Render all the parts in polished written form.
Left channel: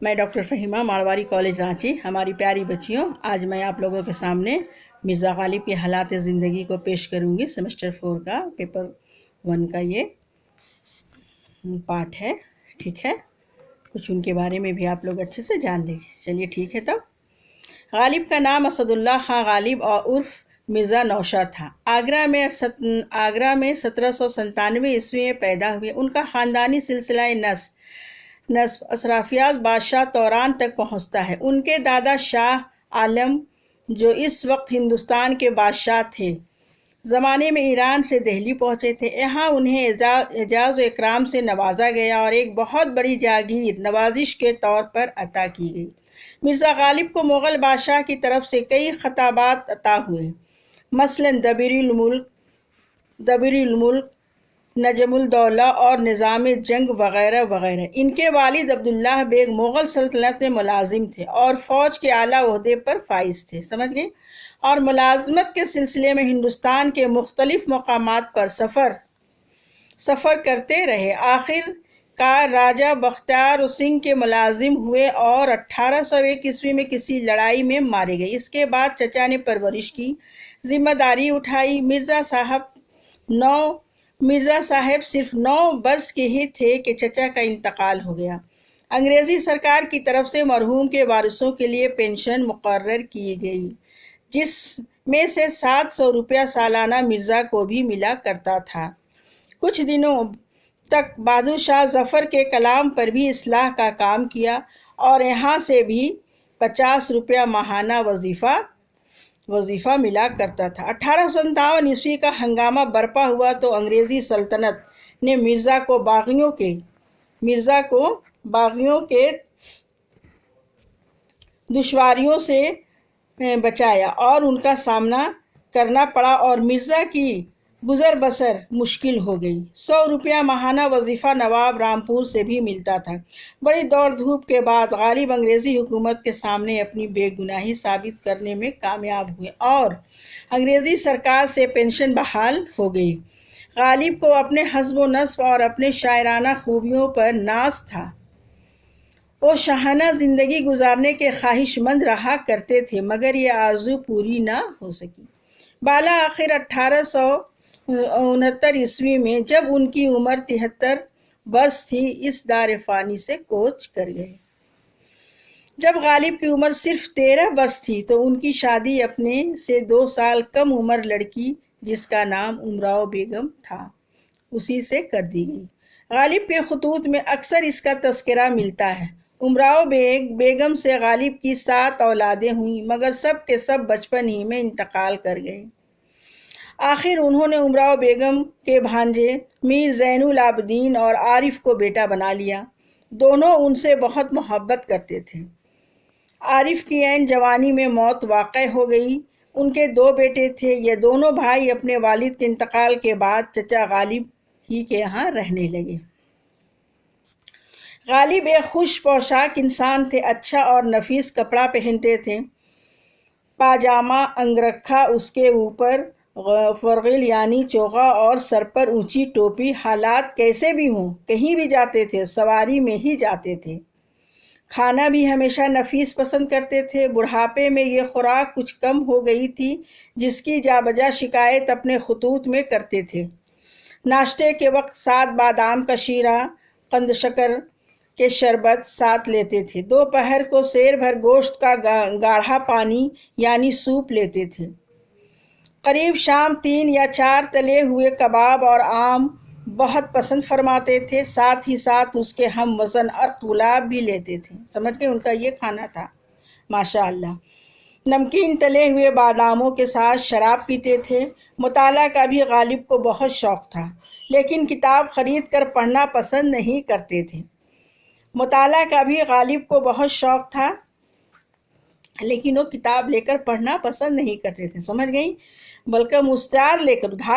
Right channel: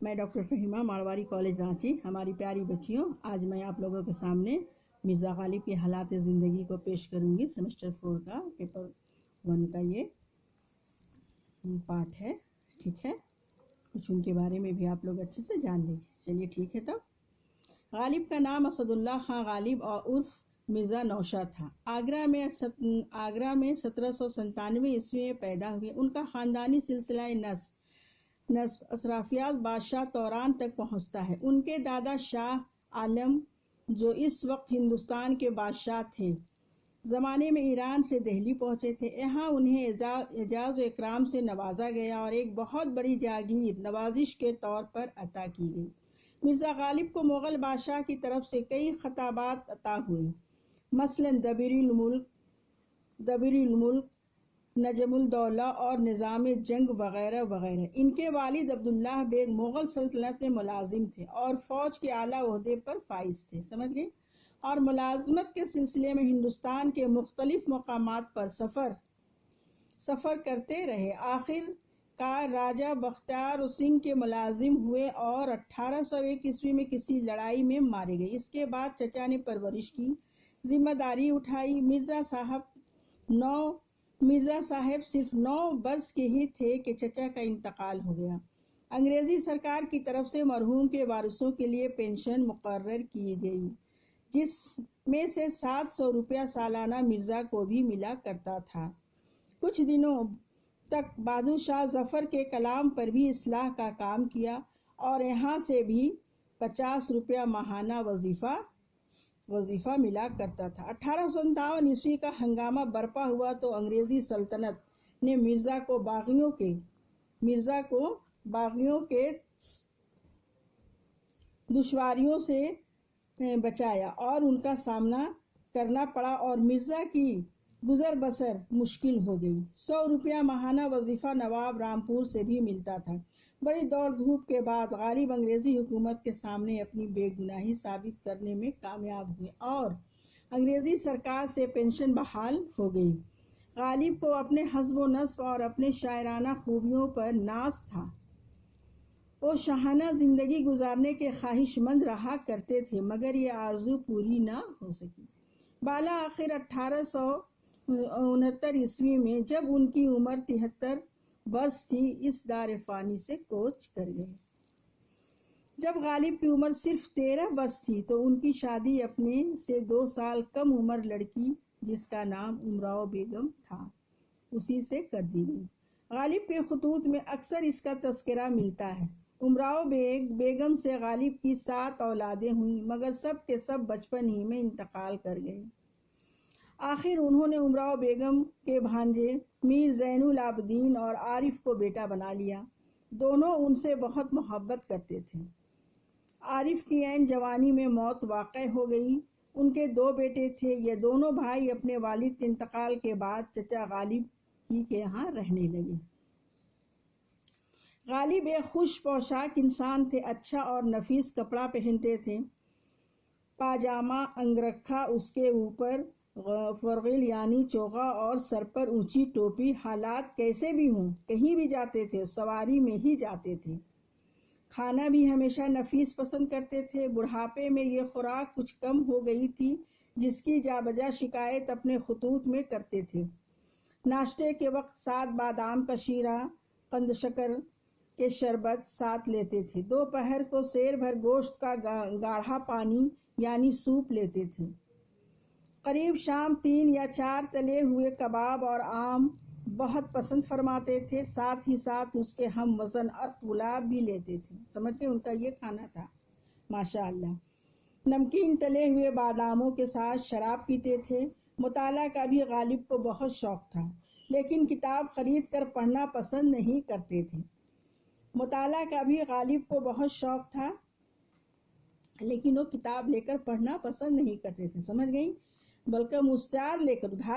میں doctor Fahima مارواری college Ranchi. ہماری پیاری بچیوں، آج میں آپ لوگوں کے سامنے مرزا غالب کے حالات زندگی کو پیش کروں گی۔ سیمسٹر 4 کا پیپر 1 کا یہ پارٹ ہے، ٹھیک ہے؟ کچھ ان کے بارے میں بھی آپ لوگ اچھے سے جان لیجیے۔ چلیے ٹھیک ہے تب۔ غالب کا نام اسد اللہ خاں غالب اور عرف مرزا نوشاد تھا۔ آگرہ میں 1797 عیسوی میں پیدا ہوئے۔ ان کا خاندانی سلسلہ نسب اشرافیات بادشاہ توران تک پہنچتا ہے۔ ان کے دادا شاہ عالم جو اس وقت ہندوستان کے بادشاہ تھے، زمانے میں ایران سے دہلی پہنچے تھے۔ یہاں انہیں اعزاز و اکرام سے نوازا گیا اور ایک بہت بڑی جاگیر نوازش کے طور پر عطا کی گئی۔ مرزا غالب کو مغل بادشاہ کی طرف سے کئی خطابات عطا ہوئے، مثلاً دبیر الملک، نجم الدولہ اور نظام جنگ وغیرہ وغیرہ۔ ان کے والد عبداللہ بیگ مغل سلطنت میں ملازم تھے اور فوج کے اعلیٰ عہدے پر فائز تھے، سمجھ گئے؟ اور ملازمت کے سلسلے میں ہندوستان کے مختلف مقامات پر سفر کرتے رہے۔ آخر کار راجہ بختیار سنگھ کے ملازم ہوئے اور 1801 عیسوی میں کسی لڑائی میں مارے گئے۔ اس کے بعد چچا نے پرورش کی ذمہ داری اٹھائی۔ مرزا صاحب صرف 9 برس کے ہی تھے کہ چچا کا انتقال ہو گیا۔ انگریزی سرکار کی طرف سے مرحوم کے وارثوں کے لیے پینشن مقرر کی گئی، جس میں سے 700 روپیہ سالانہ مرزا کو بھی ملا کرتا تھا۔ کچھ دنوں تک بہادر شاہ ظفر کے کلام پر بھی اصلاح کا کام کیا اور یہاں سے بھی 50 روپیہ ماہانہ وظیفہ ملا کرتا تھا۔ 1857 عیسوی کا ہنگامہ برپا ہوا تو انگریزی سلطنت نے مرزا کو باغیوں کے دشواریوں سے بچایا اور ان کا سامنا کرنا پڑا اور مرزا کی گزر بسر مشکل ہو گئی۔ 100 روپیہ ماہانہ وظیفہ نواب رامپور سے بھی ملتا تھا۔ بڑی دوڑ دھوپ کے بعد غالب انگریزی حکومت کے سامنے اپنی بے گناہی ثابت کرنے میں کامیاب ہوئے اور انگریزی سرکار سے پینشن بحال ہو گئی۔ غالب کو اپنے حسب و نسب اور اپنے شاعرانہ خوبیوں پر ناز تھا۔ وہ شاہانہ زندگی گزارنے کے خواہش مند رہا کرتے تھے، مگر یہ آرزو پوری نہ ہو سکی۔ بالآخر 1869 عیسوی میں جب ان کی عمر 73 برس تھی، اس دار فانی سے کوچ کر گئے۔ جب غالب کی عمر صرف 13 برس تھی تو ان کی شادی اپنے سے 2 سال کم عمر لڑکی جس کا نام امراؤ بیگم تھا اسی سے کر دی گئی۔ غالب کے خطوط میں اکثر اس کا تذکرہ ملتا ہے۔ امراؤ بیگم سے غالب کی 7 اولادیں ہوئیں، مگر سب کے سب بچپن ہی میں انتقال کر گئے۔ آخر انہوں نے امراؤ بیگم کے بھانجے میر زین العابدین اور عارف کو بیٹا بنا لیا۔ دونوں ان سے بہت محبت کرتے تھے۔ عارف کی عین جوانی میں موت واقع ہو گئی۔ ان کے 2 بیٹے تھے۔ یہ دونوں بھائی اپنے والد کے انتقال کے بعد چچا غالب ہی کے یہاں رہنے لگے۔ غالب ایک خوش پوشاک انسان تھے، اچھا اور نفیس کپڑا پہنتے تھے، پاجامہ انگرکھا، اس کے اوپر فرغل یعنی چوغا اور سر پر اونچی ٹوپی۔ حالات کیسے بھی ہوں، کہیں بھی جاتے تھے سواری میں ہی جاتے تھے۔ کھانا بھی ہمیشہ نفیس پسند کرتے تھے۔ بڑھاپے میں یہ خوراک کچھ کم ہو گئی تھی، جس کی جا بجا شکایت اپنے خطوط میں کرتے تھے۔ ناشتے کے وقت 7 بادام کا شیرہ، قند شکر کے شربت ساتھ لیتے تھے۔ دوپہر کو سیر بھر گوشت کا گاڑھا پانی یعنی سوپ لیتے تھے۔ قریب شام 3 یا 4 تلے ہوئے کباب اور آم بہت پسند فرماتے تھے، ساتھ ہی ساتھ اس کے ہم وزن ارک گلاب بھی لیتے تھے، سمجھ کے ان کا یہ کھانا تھا، ماشاءاللہ۔ نمکین تلے ہوئے باداموں کے ساتھ شراب پیتے تھے۔ مطالعہ کا بھی غالب کو بہت شوق تھا، لیکن کتاب خرید کر پڑھنا پسند نہیں کرتے تھے۔ مطالعہ کا بھی غالب کو بہت شوق تھا، لیکن وہ کتاب لے کر پڑھنا پسند نہیں کرتے تھے، سمجھ گئی؟ بلکہ ادھار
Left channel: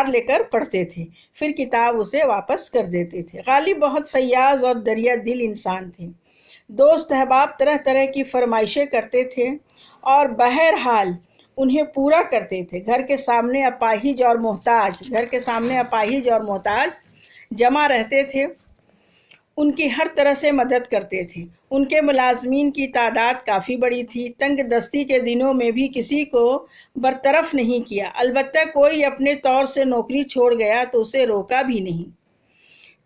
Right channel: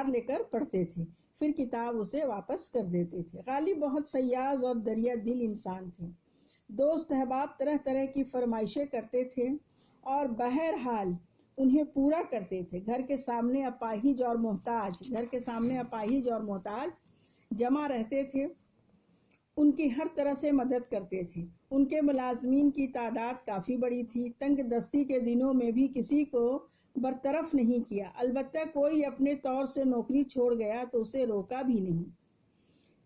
لے کر پڑھتے تھے، پھر کتاب اسے واپس کر دیتے تھے۔ غالب بہت فیاض اور دریا دل انسان تھے۔ دوست احباب طرح طرح کی فرمائشیں کرتے تھے اور بہرحال انہیں پورا کرتے تھے۔ گھر کے سامنے اپاہج اور محتاج جمع رہتے تھے۔ ان کی ہر طرح سے مدد کرتے تھے۔ ان کے ملازمین کی تعداد کافی بڑی تھی۔ تنگ دستی کے دنوں میں بھی کسی کو برطرف نہیں کیا، البتہ کوئی اپنے طور سے نوکری چھوڑ گیا تو اسے روکا بھی نہیں،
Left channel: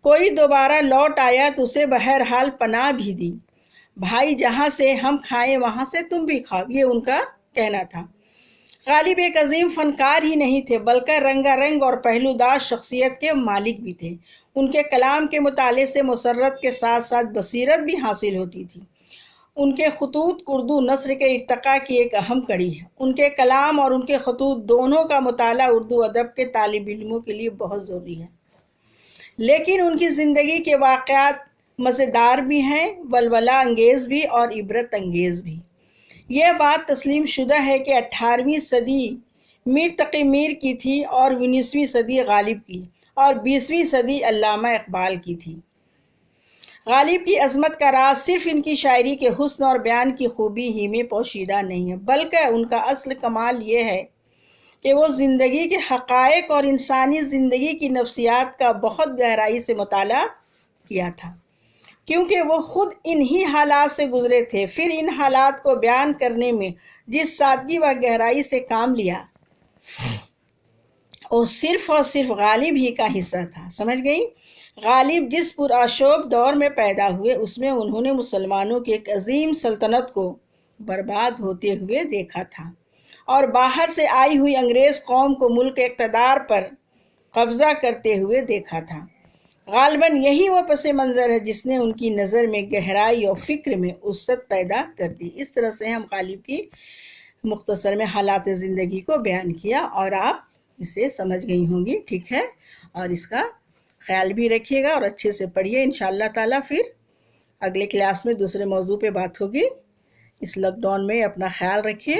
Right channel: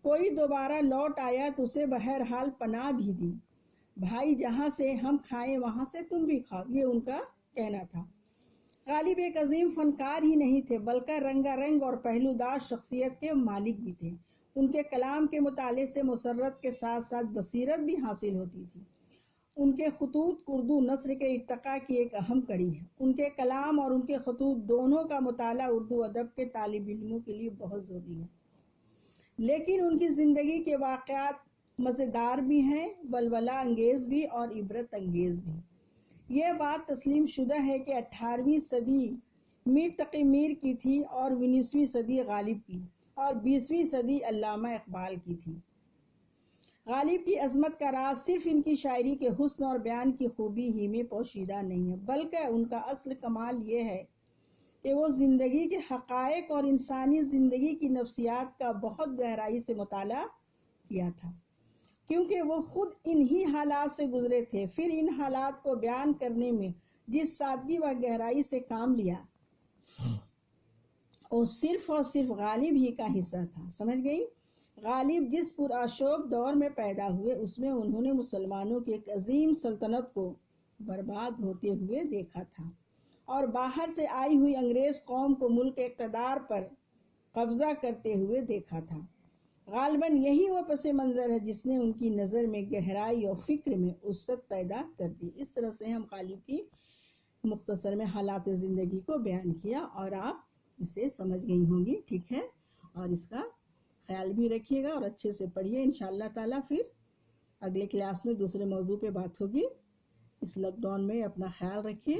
کوئی دوبارہ لوٹ آیا تو اسے بہرحال پناہ بھی دی۔ بھائی جہاں سے ہم کھائیں وہاں سے تم بھی کھاؤ، یہ ان کا کہنا تھا۔ غالب ایک عظیم فنکار ہی نہیں تھے بلکہ رنگا رنگ اور پہلودار شخصیت کے مالک بھی تھے۔ ان کے کلام کے مطالعے سے مسرت کے ساتھ ساتھ بصیرت بھی حاصل ہوتی تھی۔ ان کے خطوط اردو نثر کے ارتقاء کی ایک اہم کڑی ہے۔ ان کے کلام اور ان کے خطوط دونوں کا مطالعہ اردو ادب کے طالب علموں کے لیے بہت ضروری ہے۔ لیکن ان کی زندگی کے واقعات مزیدار بھی ہیں، ولولہ انگیز بھی اور عبرت انگیز بھی۔ یہ بات تسلیم شدہ ہے کہ 18ویں صدی میر تقی میر کی تھی اور 19ویں صدی غالب کی، اور 20ویں صدی علامہ اقبال کی تھی۔ غالب کی عظمت کا راز صرف ان کی شاعری کے حسن اور بیان کی خوبی ہی میں پوشیدہ نہیں ہے، بلکہ ان کا اصل کمال یہ ہے کہ وہ زندگی کے حقائق اور انسانی زندگی کی نفسیات کا بہت گہرائی سے مطالعہ کیا تھا، کیونکہ وہ خود انہی حالات سے گزرے تھے۔ پھر ان حالات کو بیان کرنے میں جس سادگی و گہرائی سے کام لیا، وہ صرف اور صرف غالب ہی کا حصہ تھا۔ سمجھ گئی؟ غالب جس پرآشوب دور میں پیدا ہوئے، اس میں انہوں نے مسلمانوں کی ایک عظیم سلطنت کو برباد ہوتے ہوئے دیکھا تھا، اور باہر سے آئی ہوئی انگریز قوم کو ملک اقتدار پر قبضہ کرتے ہوئے دیکھا تھا۔ غالباً یہی وہ پس منظر ہے جس نے ان کی نظر میں گہرائی اور فکر میں وسعت پیدا کر دی۔ اس طرح سے ہم غالب کی مختصر میں حالات زندگی کو بیان کیا، اور آپ اسے سمجھ گئی ہوں گی، ٹھیک ہے؟ اور اس کا خیال بھی رکھیے گا اور اچھے سے پڑھیے۔ انشاءاللہ تعالیٰ پھر اگلے کلاس میں دوسرے موضوع پہ بات ہوگی۔ اس لاک ڈاؤن میں اپنا خیال رکھیے،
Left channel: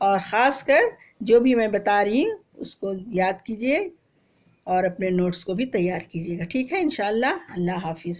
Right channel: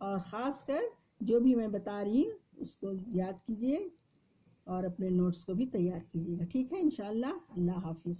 اور خاص کر جو بھی میں بتا رہی ہوں اس کو یاد کیجیے اور اپنے نوٹس کو بھی تیار کیجیے گا، ٹھیک ہے؟ انشاءاللہ۔ اللہ حافظ۔